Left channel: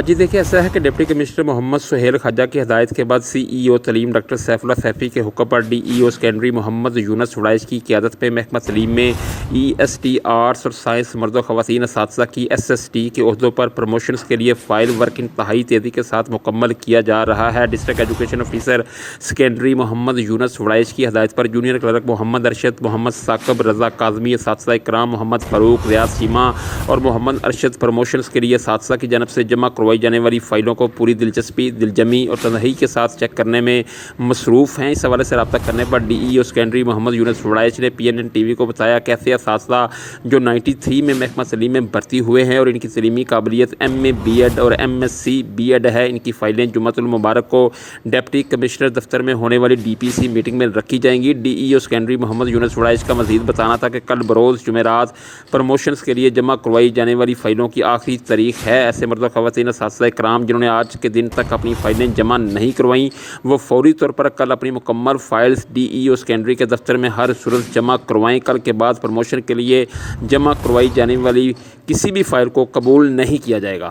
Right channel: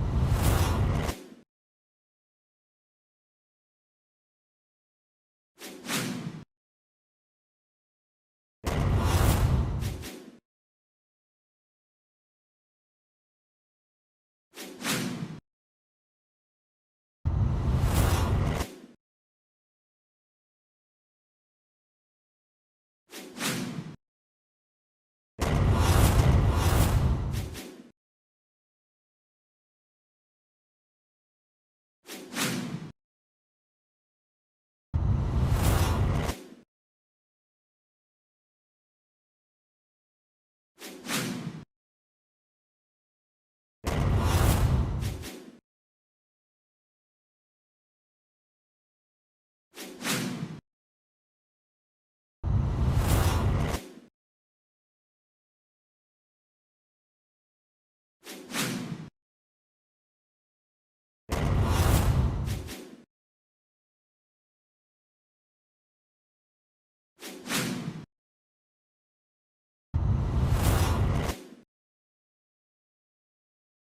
جی دیکھیے، ایسا ہے کہ ڈپٹی کمشنر محمد سہیل خواجہ کی ہدایت کے بعد CEO تعلیم ڈاکٹر سیف اللہ سیفی کے حکم پر DEO سیکنڈری محمد یونس وڑائچ کی قیادت میں محکمہ تعلیم میں EST آرٹس اور سائنس مرد و خواتین اساتذہ کی SST کے عہدوں پر پروموشنز کے لیے فائل ورک انتہائی تیزی کے ساتھ مکمل کیا جا رہا ہے۔ ڈسٹرکٹ ایجوکیشن آفیسر سیکنڈری محمد یونس وڑائچ کی ہدایت پر جونیئر کلرک محمد ارشد، محمد ثاقب رضا کاظمی، اساتذہ اکرام محمد فاروق، ریاض چیمہ اور محمد ارشد پروموشنز کے لیے اساتذہ کی جانب سے جمع کروائی جانے والی فائلوں کو پوری دلچسپی، دلجمی اور تنہائی کے ساتھ چیک کرنے میں مصروف ہیں۔ اس حوالے سے رابطہ کرنے پر DEO سیکنڈری محمد یونس وڑائچ نے PNNTV کو بتایا کہ ایسے اساتذہ جو 93 میں محکمہ تعلیم میں بھرتی ہوئے ہیں اور ان کی تعلیمی قابلیت MA B.Ed اور MSc B.Ed ہے، ان کی فائلیں جمعہ المبارک کو ڈپٹی کمشنر دفتر میں ہونے والی DPC میٹنگ میں رکھی جائیں گی۔ DEO سیکنڈری محمد یونس وڑائچ کا مزید بتانا تھا کہ کل بروز جمعرات پروموشنز کے لیے جمع کروائی جانے والی فائلوں کی آخری تاریخ ہے۔ ایسے مرد و خواتین اساتذہ اکرام جنہوں نے آج کے دن تک اپنی فائلیں جمع نہیں کروائیں، وہ فوری طور پر کل اپنی مکمل فائلز DEO سیکنڈری کے دفتر میں ہر صورت جمع کروائیں۔ کل کے بعد پروموشن کے لیے جمع کروائی جانے والی کسی بھی فائل کو قبول نہیں کیا جائے گا۔